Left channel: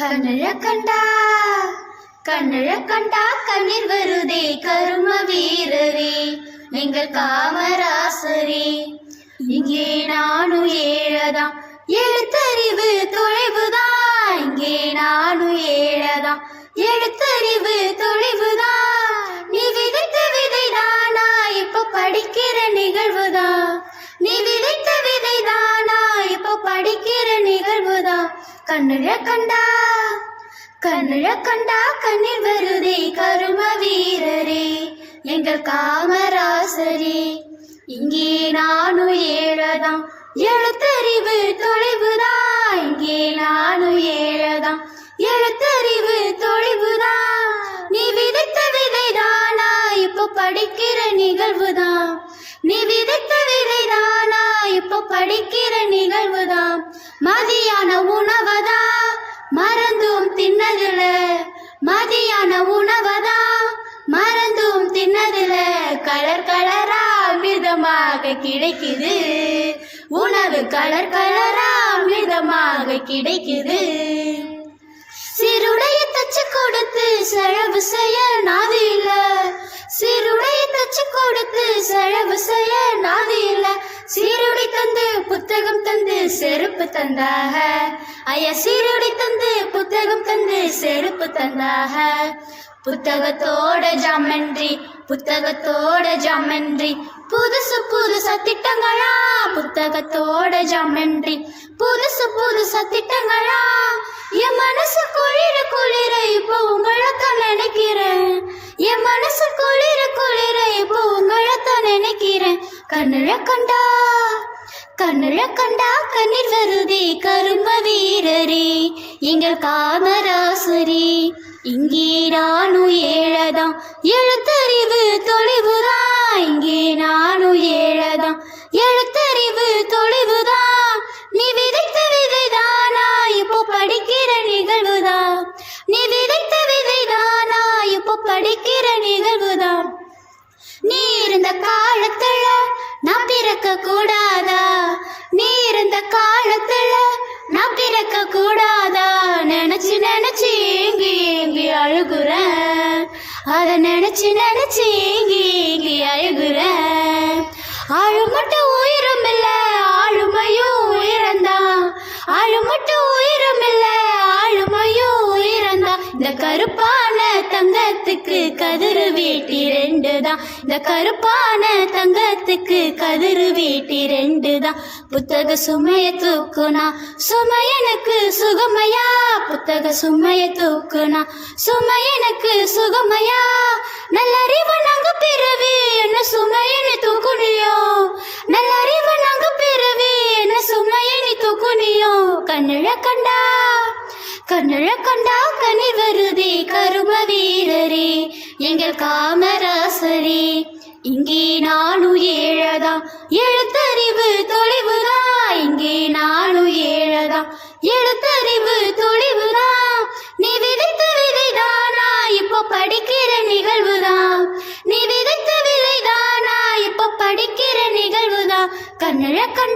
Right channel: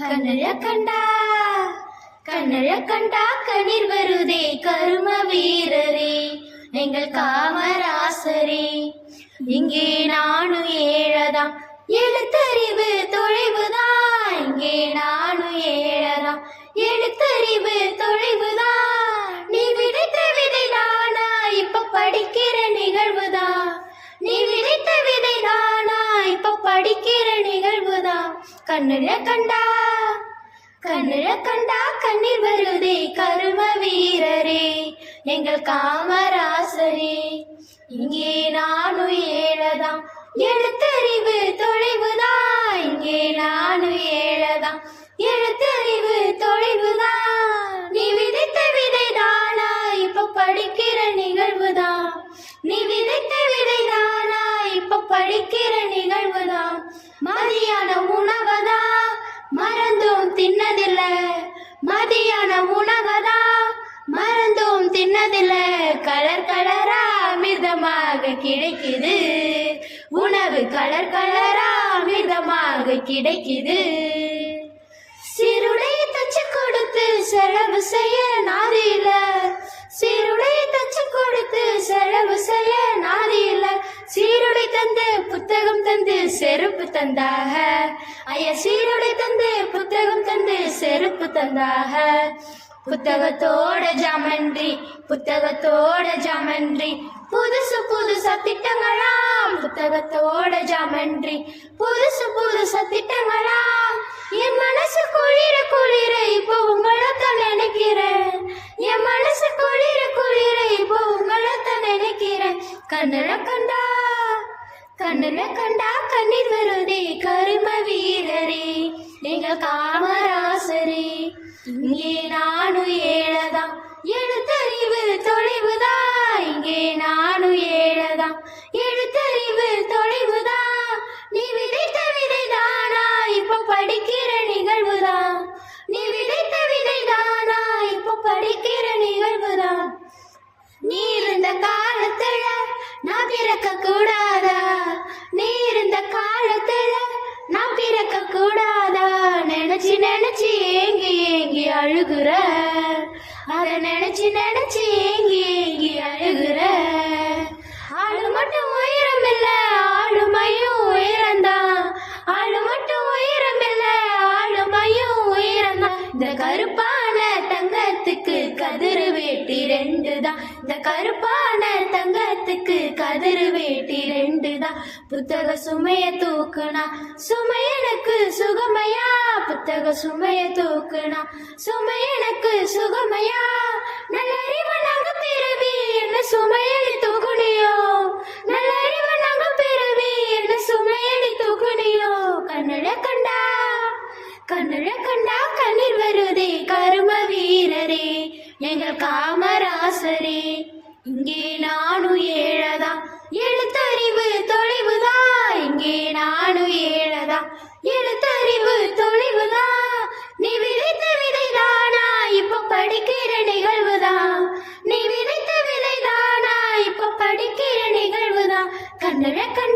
கண்ணழ கண்டா கண்ணழ கண்டா கண்ணீர் வருதே கரும வீரரே எங்கள் காமராசரே. இங்கே நானும் ஏழதா எழுத்தறிவு தொலைவுதான் இங்கே நானும் ஏழதா எழுத்தறிவு தொலைவுதான் நீ விதைத்த விதைதானா இப்ப படிக்கிற நிகழ்வுதான் நீ விதைத்த விதைதானா இப்ப படிக்கிற நிகழ்வுதான் கண்ணழ கண்டா கண்ணழ கண்டா கண்ணில் வருதே கரும வீரரே எங்கள் காமராசரே. இங்கே நானும் ஏழதாம் எழுத்தறிவு தொலைவுதான். இங்கே நானும் ஏழதாம் எழுத்தறிவு தொலைவுதான். நீ விதைத்த விதைதானா இப்போ படிக்கிற நிகழ்வுதான். நீ விதைத்த விதைதானா இப்போ படிக்கிற நிகழ்வுதான். மதியான உணவதா மறந்தும் தின்னதில்ல. மதியான உணவதா? மறந்தும் தின்னதில்ல. கலர் கலரா அமிர்தமாக கிடைக்குது. உணவு கலர் கலரா அமிர்தமாக கிடைக்குது. சிறுடைய தச்சு கொடுத்து செலவு செய்ய நாதி இல்ல. சிறுடைய தச்சு கொடுத்து செலவு செய்ய புத்தகம் தந்து செருப்பு தந்தாக. ஐயா சீருடை தந்து புத்தகம் தந்து செருப்பு தந்தாக. புத்தகத்தோட ஜாமன்றி புத்தகத்தோட ஜாமன்றி புதுசு புதுசா திட்டங்களா? புத்தகத்தோட ஜாமன்றி புதுசு புதுசா திட்டங்களா? என் மனசு குளிர குளிர இப்போ உங்களைத்தான் நினைக்கிறேன். என் மனசு குளிர குளிர இப்போ உங்களைத்தான் நினைக்கிறேன். கண்ணுல கண்டா கண்ணுல கண்டா கண்ணீர் வருதே கரும்ப வீரரே. எங்க காமராசரே இங்கே நானும் ஏழதான் அழுகுற. அதை நினைச்சு நினைச்சு ஏங்கி ஏங்கி அழுகுற. ஆளு மட்டும் இந்த கருப்பான தங்கத்துக்கு கதிரு வேட்டி ரெண்டு தான் இந்த கருப்பான தங்கத்துக்கு கதிரு வேட்டி ரெண்டு தான் புத்தக சுமைய தூக்குனா சுமையனுக்கு சுகமையா? புத்தக சுமைய தூக்குனா சுமையனுக்கு சுகமையா? நல்லறிவு நாங்க பிறவி என்ன சுமையனு தூக்குனியோ கண்ணுல கண்டா கனி வருதே கரும வீரரே எங்கள் காமராசரே. இங்கே நானும் ஏழதா எழுத்தறிவு தொலைவுதா இங்கே நானும் ஏழதா எழுத்தறிவு தொலைவுதா நீ விதைத்த விதைதானா இப்போ படிக்கிற நிகழ்வுதான் நீ விதைத்த விதைதானா இப்போ படிக்கிற நிகழ்வுதான் கண்ணழ கண்